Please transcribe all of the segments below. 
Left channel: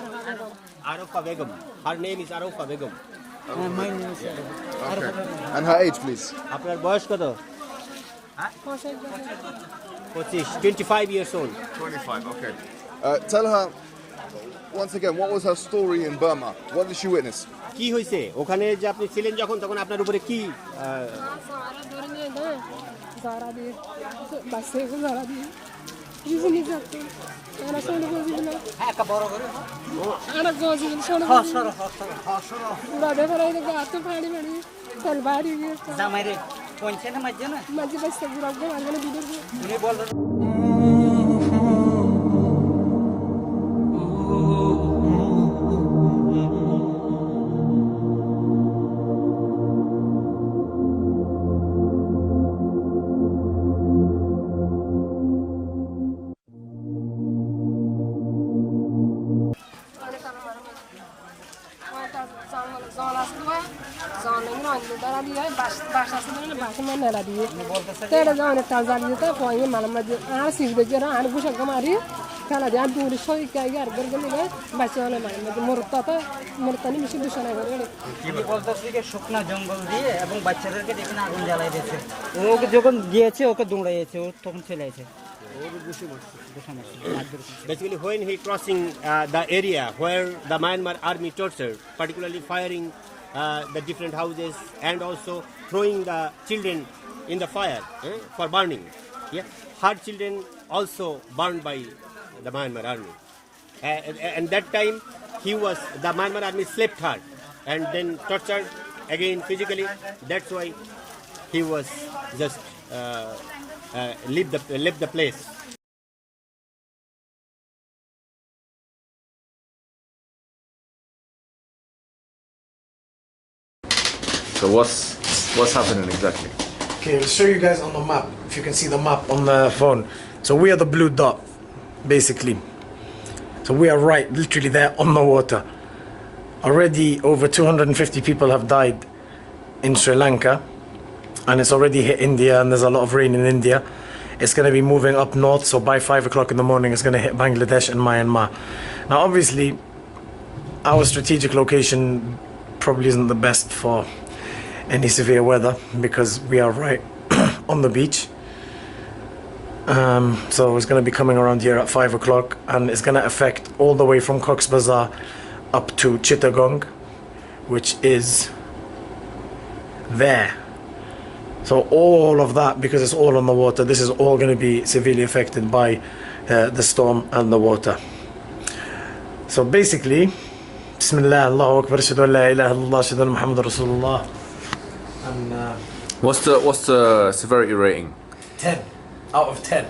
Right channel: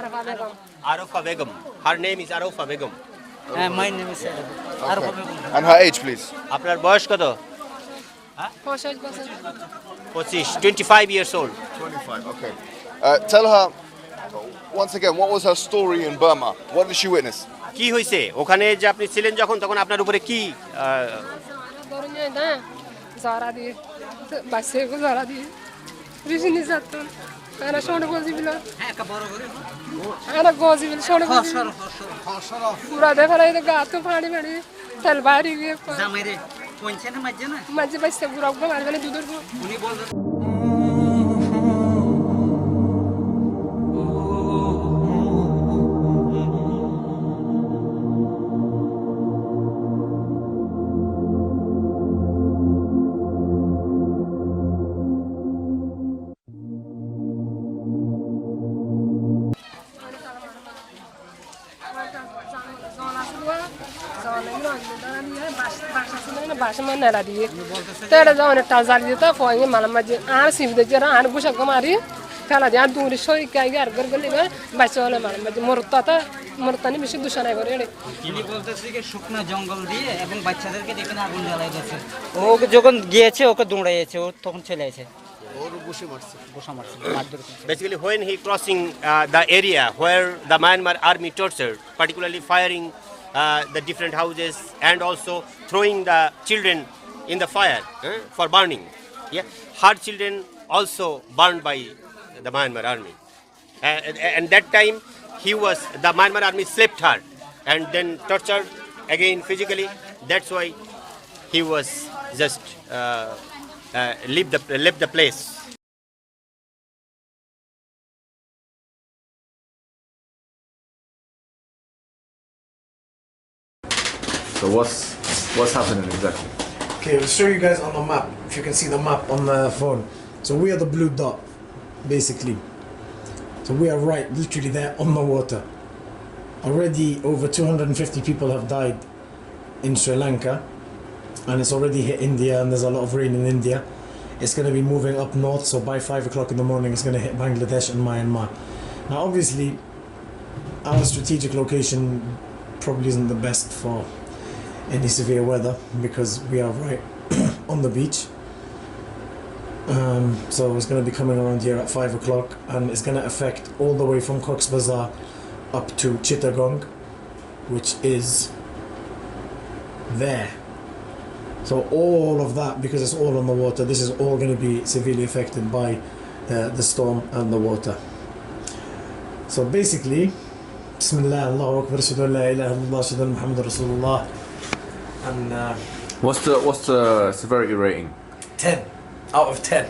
Arofa Begum. Her name is Arofa Begum. My name is Arofa Begum. And her age, please. আপনার বয়স কত? 25 years old. 25, okay. Tell her, once again, what was her story in Burma? What did she witness? কি হয়েছে ওখানে যে আপনি ছিলেন যখন তখন আপনার উপরে কি Zara diye, başka Zara diye. Rüzgâr zattı. Ana şonu gozi bilo. Ana gozi bilo şonu. Hasara. Burada falan da gatto pani bani. Talbari diye. Zamire. Ponche na majja na. Majje başka burak bu angane dudur bu. Uni bol Tera zaman Tanzania ta koyunca malama je an sivde jera an bushak kamari kala diyan duri shoy kaygar gargal diga bachole malama je murtani mishi dushana করে কি বলতেছে যে শুকনা জঙ্গল দিয়ে এবং বাচ্চাদেরকে যেখানে আগুন জ্বালাই দিয়েছে ও যখন গিয়েছে ওকে দৌড়াইছে ও তখন চলে আসে ওর বসে মারছে basically when he crossing the area where the Myanmar army tortured, particularly firing the different houses and also throwing the children in the fire for burning. Yeah, her children also burned by the Myanmar army. And that time the Myanmar army slapped her and then tortured again physically. That's why he was just left the place. So what's happening exactly? Okay, I'll show you guys on the map, if you can see the map on the phone. So we are the blue dot, basically. So we are right, literally there on the water. Already over 250 people have died in Sri Lanka, and it's already hit India, and there's a lot of rain in India. It's going to be moving up north, so by 5 o'clock in the morning it's going to hit Bangladesh and Myanmar. Now obviously, our strategic location probably isn't the best for any severe weather because we are right on the beach. So it's going to be coming around here at 5 o'clock, and it's going to affect all the way from Cox's Bazar up to Chittagong, which is there. So all of that, because it's all on the water, this is all going to be severely affected by the storm and the water. So basically, Bismillah, Allahu Akbar, Ashhadu an la ilaha illallah, Ashhadu anna Muhammadan Rasulullah. And What's the severity rating? 10 out of 10.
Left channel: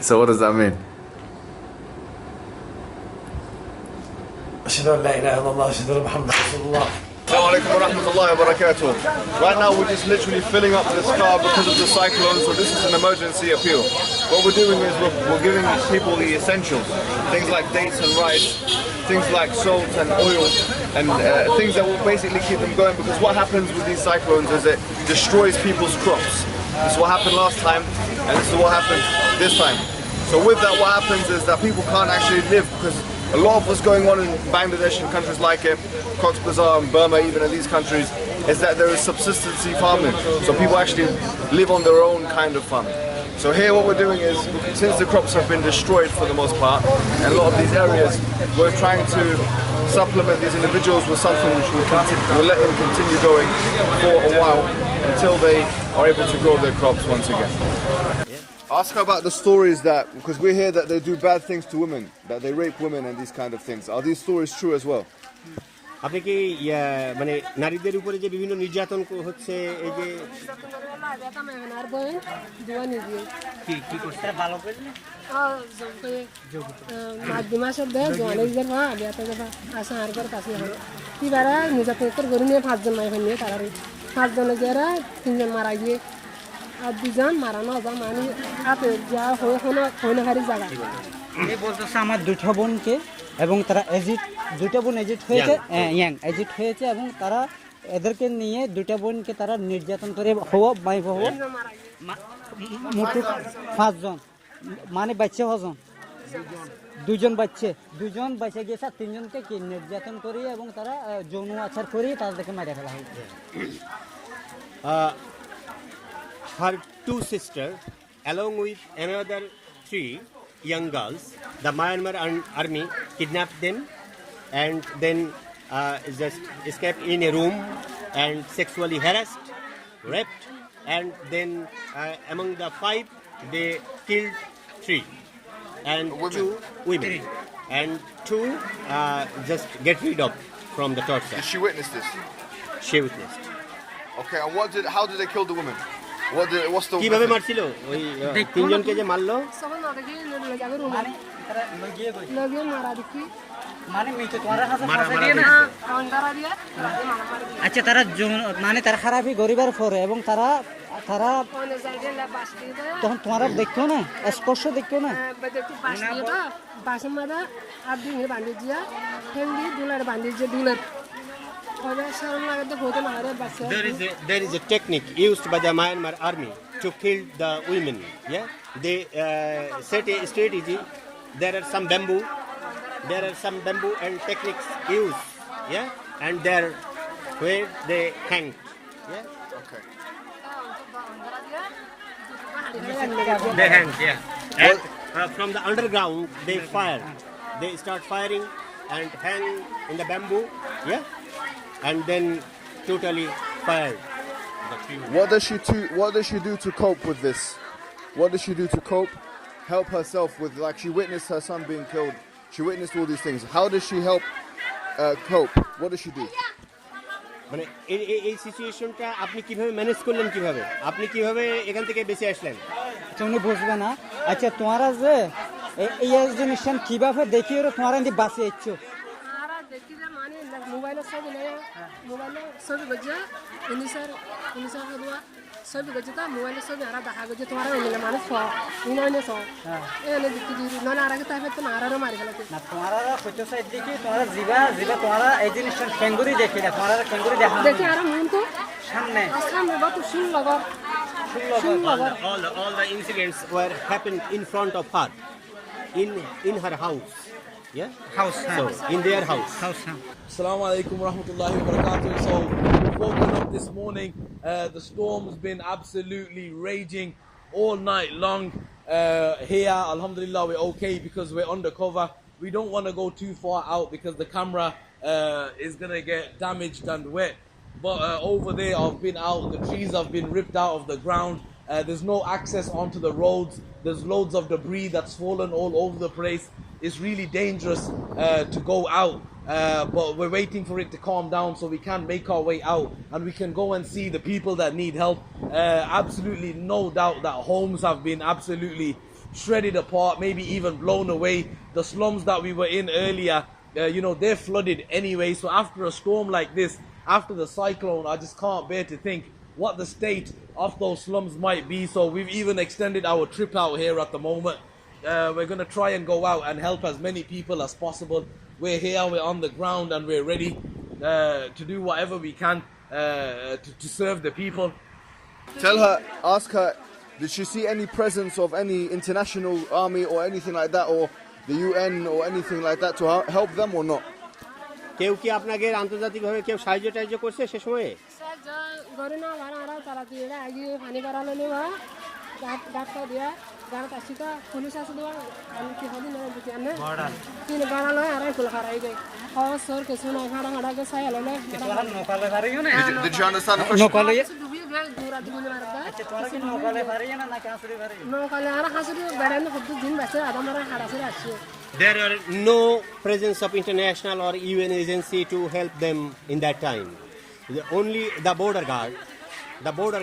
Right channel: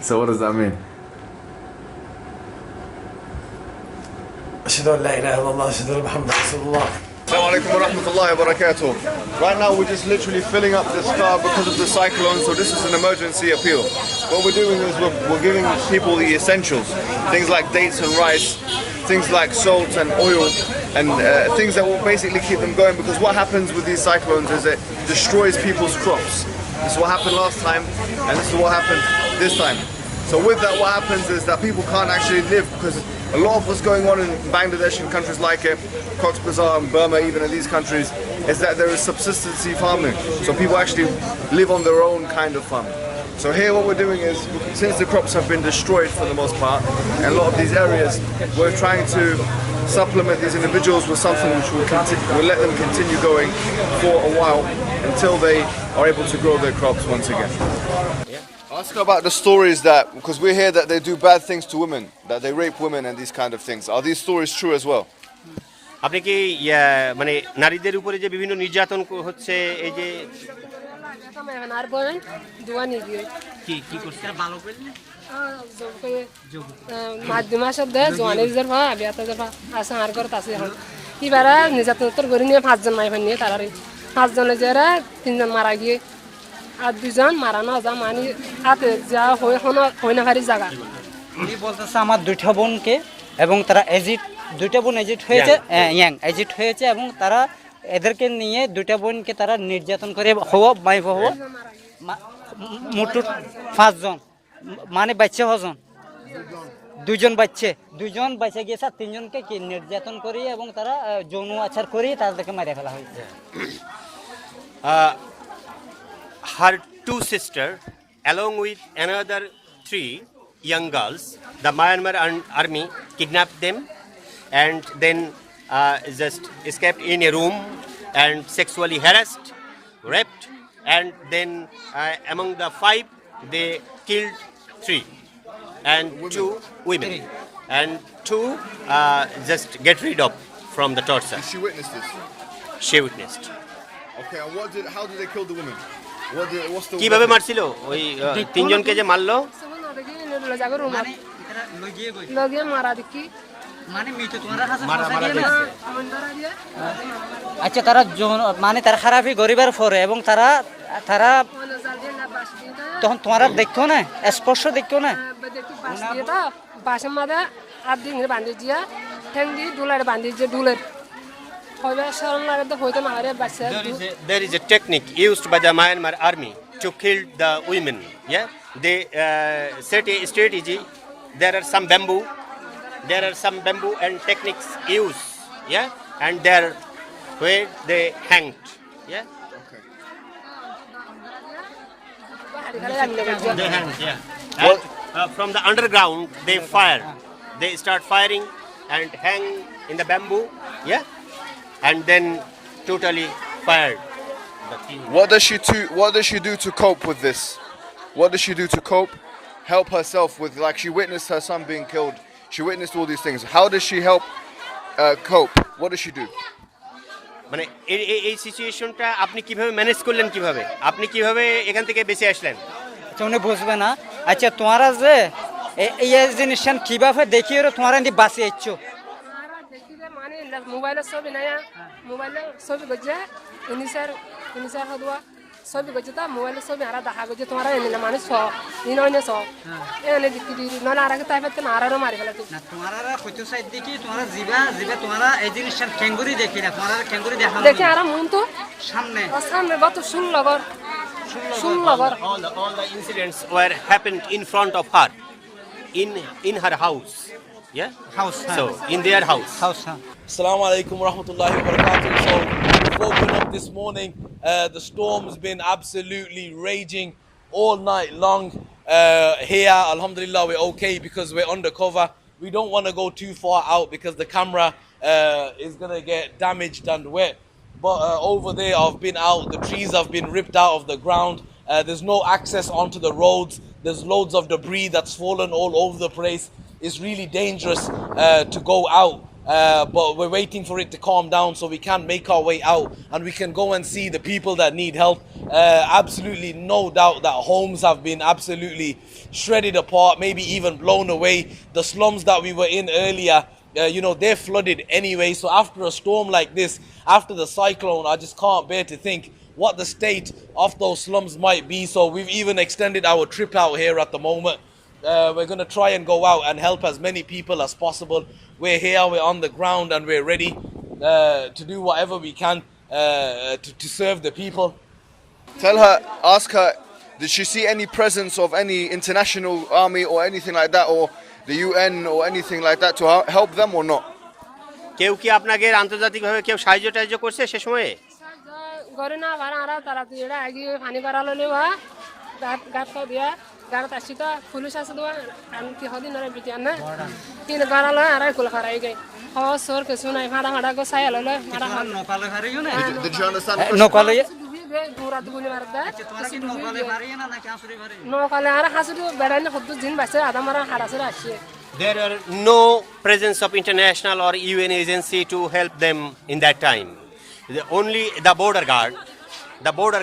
So what does that mean? Ashhadu an la ilaha illallah, Ashhadu anna Muhammadan Rasulullah. Assalamu alaikum wa rahmatullahi wa barakatuh. Right now we're just literally filling up this car because of the cyclone, so this is an emergency appeal. What we're doing is we're giving people the essentials, things like dates and rice, things like salt and oil, and things that will basically keep them going, because what happens with these cyclones is it destroys people's crops. This is what happened last time, and this is what happened this time. So with that, what happens is that people can't actually live, because a lot of what's going on in Bangladesh and countries like it, Cox's Bazar and Burma, even in these countries, is that there is subsistency farming. So people actually live on their own kind of farming. So here what we're doing is, since the crops have been destroyed for the most part, and a lot of these areas, we're trying to supplement these individuals with something which will let them continue going for a while until they are able to grow their crops once again. Ask her about the stories that, because we hear that they do bad things to women, that they rape women and these kind of things. Are these stories true as well? আপনি কি মানে নারীদের উপরে যে বিভিন্ন নির্যাতন হচ্ছে এই যে কি করছে ভালো করে মাধ্যমা শব্দ জোয়ানের যে ভা বিয়াতে যে ভা আসা আর করে তাসি হয় এবারে নির্যাতন করে নিয়ে 5 জন মাই নিয়ে তারারে 5 জনে যারা 3 জন মারা গিয়ে আর 2 জন মারানো যা মানে হাতে যা হয় না ভারী জায়গা এই বলতেছে আমার দুইটা বোনকে এবং তারা দুইটা বোন এজিট হয়েছে এজিট হয়েছে এবং তারা এদেরকে নিয়ে দুইটা বোনকে তারা নির্যাতন করে মোট 5 জন মানে বাচ্চা 5 জন দুজন বেঁচে গিয়েছে আর তিনজনকে কি নির্যাতন করিয়ে এবং তারা যৌন আচার করিয়ে তাদেরকে মেরে ফেলা হয়েছে। Her two sisters, along with another 3 young girls, the Myanmar army kidnapped them and then just escaped in a room and sexually harassed, raped, and then among the 5, they killed 3 and 2 women, and 2 just get rid of from the torture. Did she witness this? She witnessed. Okay, and how did they kill the women? What's the কিভাবে weapon? মারছিল ওই তিনজনকে যে মারলো? সবাই না দেখি নেবুলে Jagar room মানে তারা লগিয়ে গই লগে মারা দেখি মানে মিটো তোমার কাছে ফাঁসা দিয়ে না। অন্ধারা দিয়ে মারা আচ্ছা তারা মানে তারা খারাপই গরিবের পরে এবং তারা অন্ধার দিয়ে বাস দিয়ে তখন তোমারা দেখতো না, স্পর্শ দেখতো না। দেখি বাস দিয়ে তো বাসের মধ্যে আর দিন বান্ধি দিয়া ঠ্যাং দিয়ে ডুলার বান্ধি যে ডুলের হবে সরল লাগে তো হইতো না আরে বাসে There is a technique used by the Myanmar army to kill the women. Yeah, they set a strategy. There are some bamboo and techniques used. Yeah, and there where they hanged. Yeah, Okay. they hanged. Yeah, and from the underground they fire. They start firing and hang in the bamboo. Yeah, and then totally fired. What does she do to cope with this? What does she do to cope? Help herself with, like, she witnessed her son being killed. She witnessed all these things. How does she help cope? What does she do? মানে এই সিচুয়েশনটা আপনি কিভাবে manage করলেন, কিভাবে আপনি কিভাবে এখান থেকে বেঁচে আসলেন? তুমি বুঝবে না। আচ্ছা তোমারা যে এই জিনিসটা কিভাবে দেখিয়ে তোমারা এনে বাঁচে আইছো? দেখি যে মানে মোবাইলের ছবি নাই, মোবাইলের ছবি গজে ইনিসার হদুয়া ছবি গজে তা মোবাইলের ছবি আর দেখা গজে তোমার এনে মানে ইননে এনে দেখি না আর আগে তাই পেতে না আরো মারি ফেলাতে না তোমারা কত সাইড দেখি তোমারা জিবা তোমারা এই জিনিসটা ক্যাঙ্গুরি দেখি না, তোমারা ক্যাঙ্গুরি দেখা দেখি আর মন তো সামনে গত 16 গর All the incidents were happened in front of her, in her house. Yeah, house. so in their house. Assalamu alaikum wa rahmatullahi wa barakatuh. So we've woken up this morning. The storm's been absolutely raging all night long. Here, alhamdulillah, we're okay because we're undercover. We don't want to go too far out because the camera is going to get damaged and wet. But over there, I've been out. The trees have been ripped out of the ground. There's no access onto the roads. There's loads of debris that's fallen all over the place. It's really dangerous to go out. But we're waiting for it to calm down so we can make our way out and we can go and see the people that need help. Absolutely no doubt that homes have been absolutely shredded apart, maybe even blown away. The slums that we were in earlier, they're flooded anyway. So after a storm like this, after the cyclone, I just can't bear to think what the state of those slums might be. So we've even extended our trip out here at the moment. We're going to try and go out and help as many people as possible. We're here, we're on the ground, and we're ready to do whatever we can to serve the people. Ask her, did she see any presence of any international army or anything like that, or the UN or anything like that to help them or not? কেউ কি আপনাকে আন্তর্জাতিকভাবে কেউ সাহায্য টাহায্য করছে সে সময়ে? করে না ভাড়া আরা তারা তুইরা আগে পানি করালো নেবা গাত দিয়া গাত আসি তো পুলিশ আছে দোয়া আমি কি হদি না বিটিয়া না তিন গারালো আরা কুল করাই গই ও সর কে শুনাই ভাড়া ভাড়া গো সায়ালো না নকালে পারিও না। Did you understand the question? নকালে ডুবি গে দূরা দুগুনি মারদা আচ্ছা তোমরা কি নকালে পারিও না নাকি হাসুরি পারিও? নকালে আরা হাসুরি বেড়াইলে হদ্দু দিন বাসে আদা মারা হারাসে আসছে। There are no presence of international or UN agency to help them in that time. Only the border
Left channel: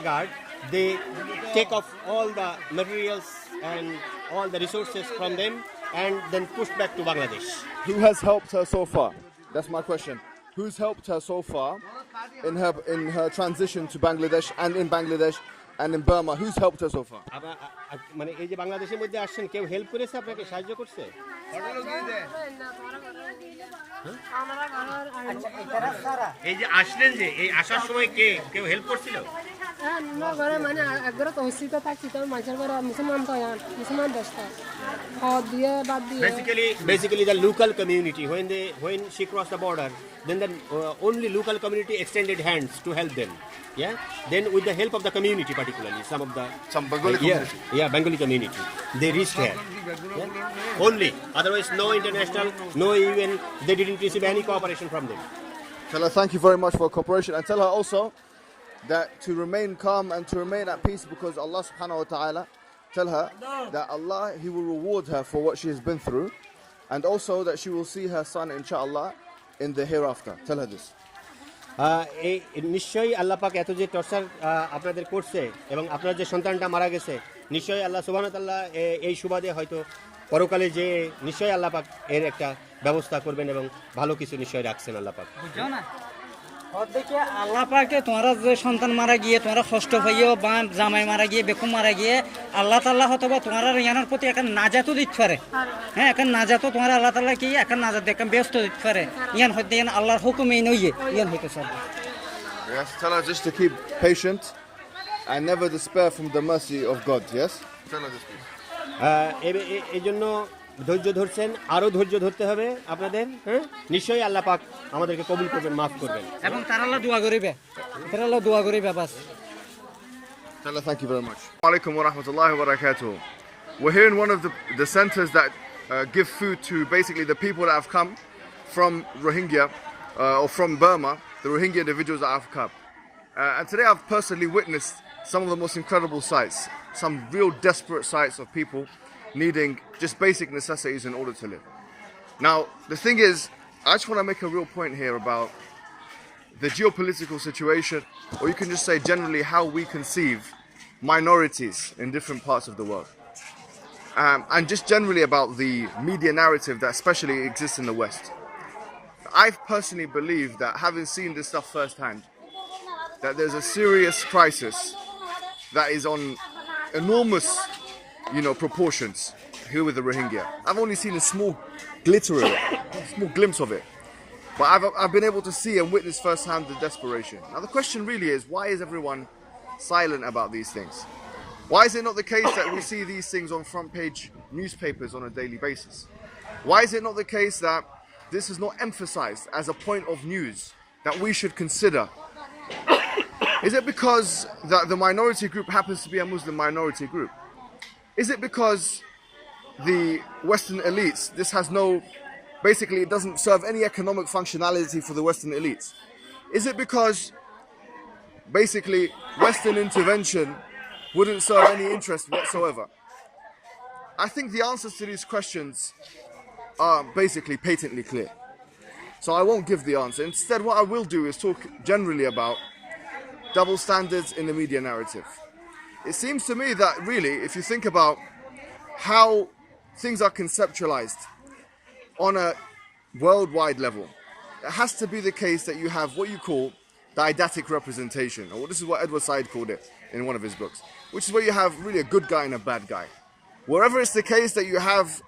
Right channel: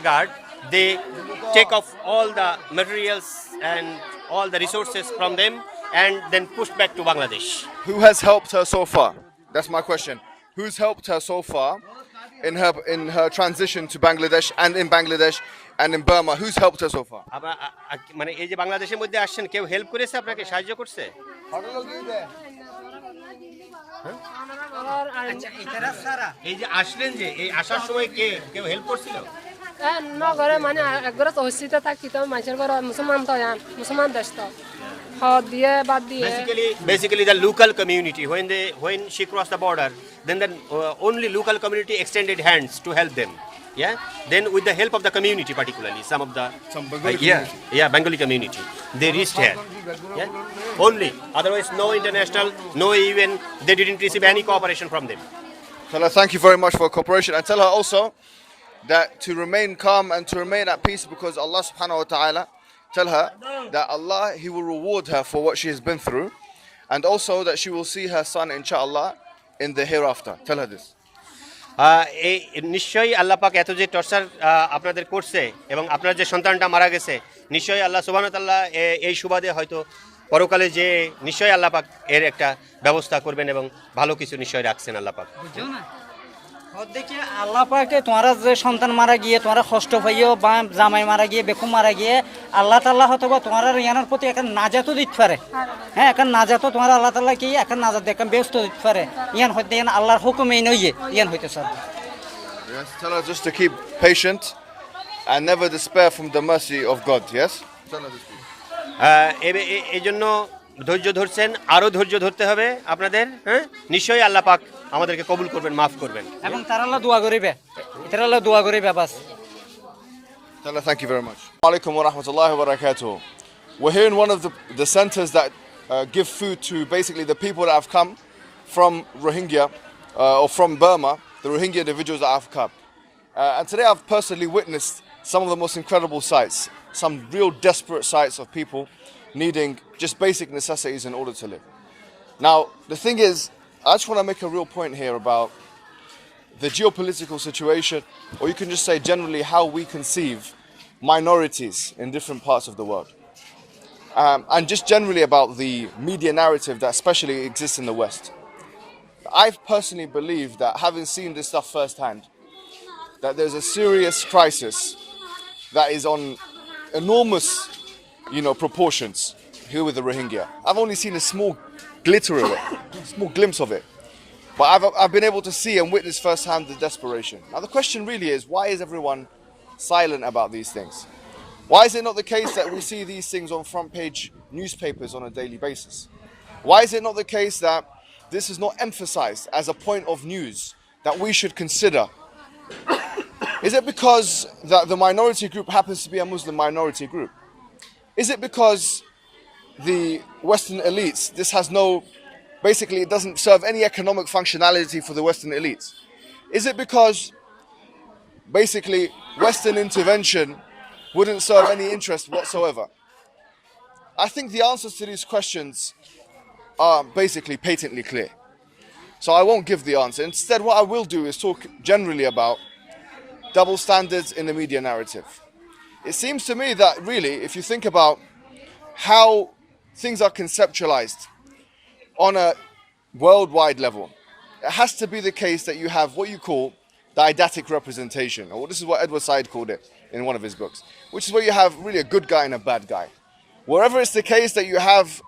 guard, they take off all the materials and all the resources from them and then push back to Bangladesh. Who has helped her so far? That's my question. Who's helped her so far in her transition to Bangladesh and in Bangladesh and in Burma? Who's helped her so far? মানে এই যে বাংলাদেশের মধ্যে আসছেন কেউ help করেছে আপনাকে, সাহায্য করছে? আচ্ছা এটারা সারা এই যে আসলেন যে এই আসার সময় কেউ হেল্প করছিল? নগরে মানে একবার তহসিতে থাকি তো মানুষের ঘর মুসলমান তো মুসলমান দেশ তো হদ দিয়ে বাদ দিয়ে Basically, the local community, when she crossed the border, then the only local community extended hands to help them. Yeah. Then with the help of the community, particularly some Bengali community. Bengali community, they reached here. Yeah. Only. Otherwise, no international, no UN. They didn't receive any cooperation from them. Tell her thank you very much for cooperation, and tell her also that to remain calm and to remain at peace, because Allah subhanahu wa ta'ala, tell her that Allah, He will reward her for what she has been through, and also that she will see her son inshallah in the hereafter. Tell her this. এই নিশ্চয়ই আল্লাহ পাক এত যে torture আপনাদের করছে এবং আপনার যে সন্তানটা মারা গেছে, নিশ্চয়ই আল্লাহ সুবহানাহু ওয়া তাআলা এই সুবাদে হয়তো পরকালে যে নিশ্চয়ই আল্লাহ পাক এর একটা ব্যবস্থা করবেন এবং ভালো কিছু নিশ্চয়ই রাখছেন আল্লাহ পাক। বুঝছো না দেখে আল্লাহ পাকে তোমার যে সন্তান মারা গিয়ে তোমার কষ্ট হইও বা জামাই মারা গিয়ে বেকুম মারা গিয়ে আল্লাহ তাআলা হয়তো বা তোমার ইয়ানোর প্রতি একটা নাজাতও দিতে পারে। হ্যাঁ একটা নাজাতও তোমার আল্লাহ তাআলা কি একটা নাজাত দেখে ব্যস্ত দিতে পারে। ইয়ান হইতে আল্লাহর হুকুমই নইয়ে ইয়ান হইতে sir. Yes, tell her just to keep patient and never despair from the mercy of God. Yes, tell her this. এই জন্য ধৈর্য ধরছেন, আরও ধৈর্য ধরতে হবে আপনাদের। হ্যাঁ নিশ্চয়ই আল্লাহ পাক আমাদেরকে কবুল করবেন, মাফ করবেন এবং তারা আল্লাহ দোয়া করিবে, তারা আল্লাহ দোয়া করিবে বাস। Tell her thank you very much. Alaikum wa rahmatullahi wa barakatuh. We're here in one of the centers that give food to basically the people that have come from Rohingya or from Burma, the Rohingya individuals that have come. And today I've personally witnessed some of the most incredible sights, some real desperate sights of people needing just basic necessities in order to live. Now, the thing is, I just want to make a real point here about the geopolitical situation, or you can just say generally how we conceive minorities in different parts of the world. And just generally about the media narrative that especially exists in the West. I personally believe that, having seen this stuff firsthand, that there's a serious crisis that is on enormous, proportions here with the Rohingya. I've only seen a small glitter of it, a small glimpse of it. But I've been able to see and witness firsthand the desperation. Now the question really is, why is everyone silent about these things? Why is it not the case that we see these things on front page newspapers on a daily basis? Why is it not the case that this is not emphasized as a point of news that we should consider? Is it because that the minority group happens to be a Muslim minority group? Is it because the Western elites, this has basically it doesn't serve any economic functionality for the Western elites? Is it because basically Western intervention wouldn't serve any interest whatsoever? I think the answers to these questions are basically patently clear. So I won't give the answer. Instead, what I will do is talk generally about double standards in the media narrative. It seems to me that really, if you think about how things are conceptualized on a worldwide level, it has to be the case that you have what you call didactic representation, or this is what Edward Said called it in one of his books, which is where you have really a good guy and a bad guy. Wherever it's the case that you have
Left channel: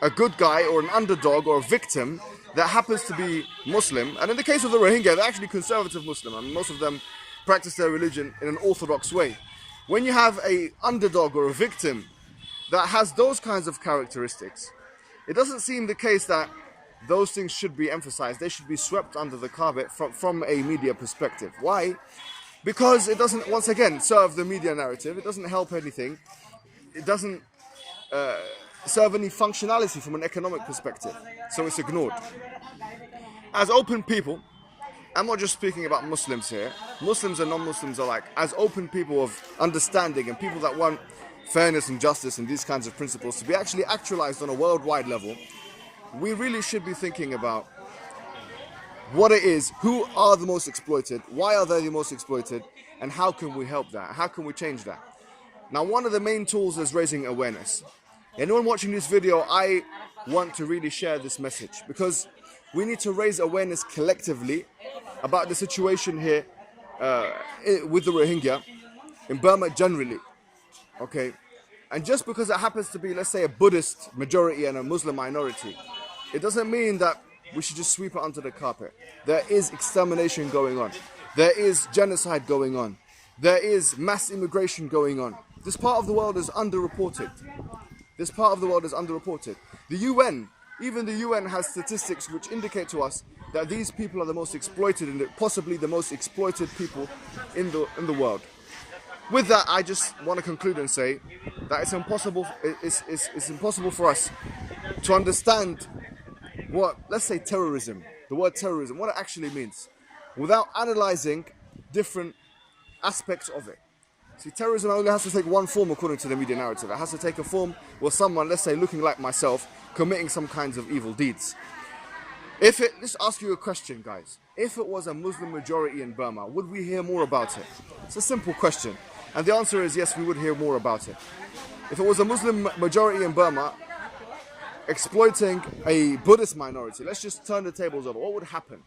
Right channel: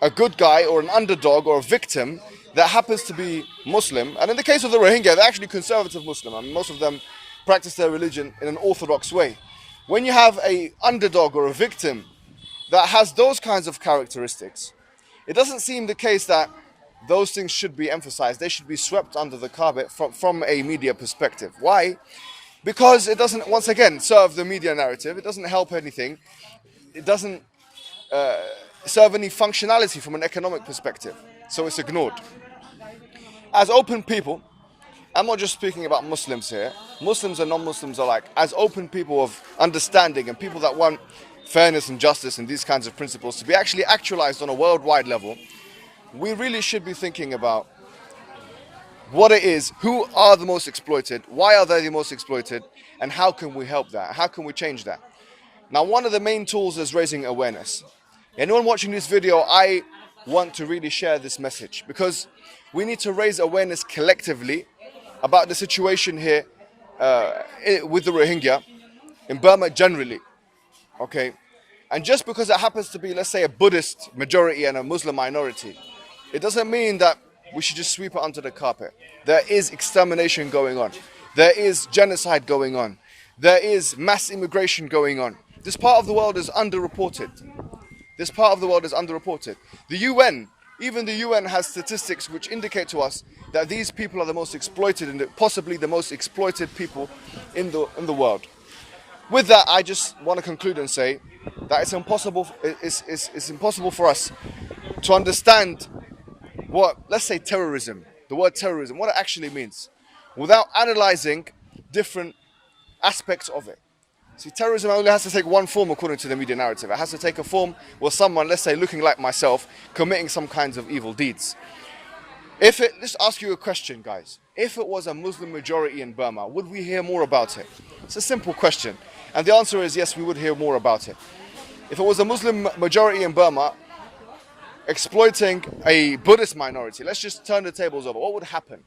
a good guy or an underdog or a victim that happens to be Muslim, and in the case of the Rohingya, they're actually conservative Muslim. I mean, most of them practice their religion in an orthodox way. When you have a underdog or a victim that has those kinds of characteristics, it doesn't seem the case that those things should be emphasized. They should be swept under the carpet from a media perspective. Why? Because it doesn't, once again, serve the media narrative. It doesn't help anything. It doesn't serve any functionality from an economic perspective. So it's ignored. As open people, I'm not just speaking about Muslims here. Muslims and non-Muslims alike. As open people of understanding and people that want fairness and justice and these kinds of principles to be actually actualized on a worldwide level, we really should be thinking about what it is, who are the most exploited, why are they the most exploited, and how can we help that? How can we change that? Now, one of the main tools is raising awareness. Anyone watching this video, I want to really share this message, because we need to raise awareness collectively about the situation here with the Rohingya in Burma generally, okay? And just because it happens to be, let's say, a Buddhist majority and a Muslim minority, it doesn't mean that we should just sweep it under the carpet. There is extermination going on. There is genocide going on. there is mass immigration going on. This part of the world is underreported. This part of the world is underreported. The UN, even the UN has statistics which indicate to us that these people are the most exploited and possibly the most exploited people in the world. With that, I just want to conclude and say that it's impossible for us to understand what, let's say, terrorism, the word terrorism, what it actually means, without analyzing different aspects of it. See, terrorism only has to take one form according to the media narrative. It has to take a form where someone, let's say, looking like myself, committing some kinds of evil deeds. Let's ask you a question, guys. If it was a Muslim majority in Burma, would we hear more about it? It's a simple question. And the answer is yes, we would hear more about it. If it was a Muslim majority in Burma exploiting a Buddhist minority, let's just turn the tables over. What would happen?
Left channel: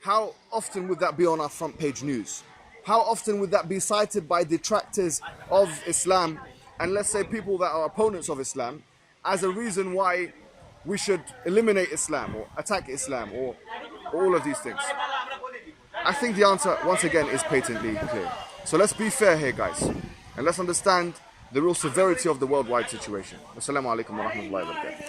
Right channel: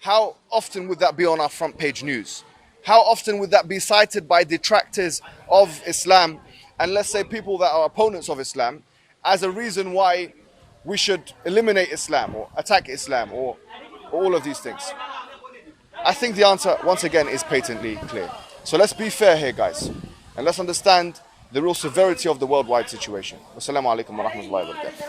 How often would that be on our front page news? How often would that be cited by detractors of Islam and, let's say, people that are opponents of Islam as a reason why we should eliminate Islam or attack Islam or all of these things? I think the answer, once again, is patently clear. So let's be fair here, guys, and let's understand the real severity of the worldwide situation. Assalamu alaikum wa rahmatullahi wa barakatuh.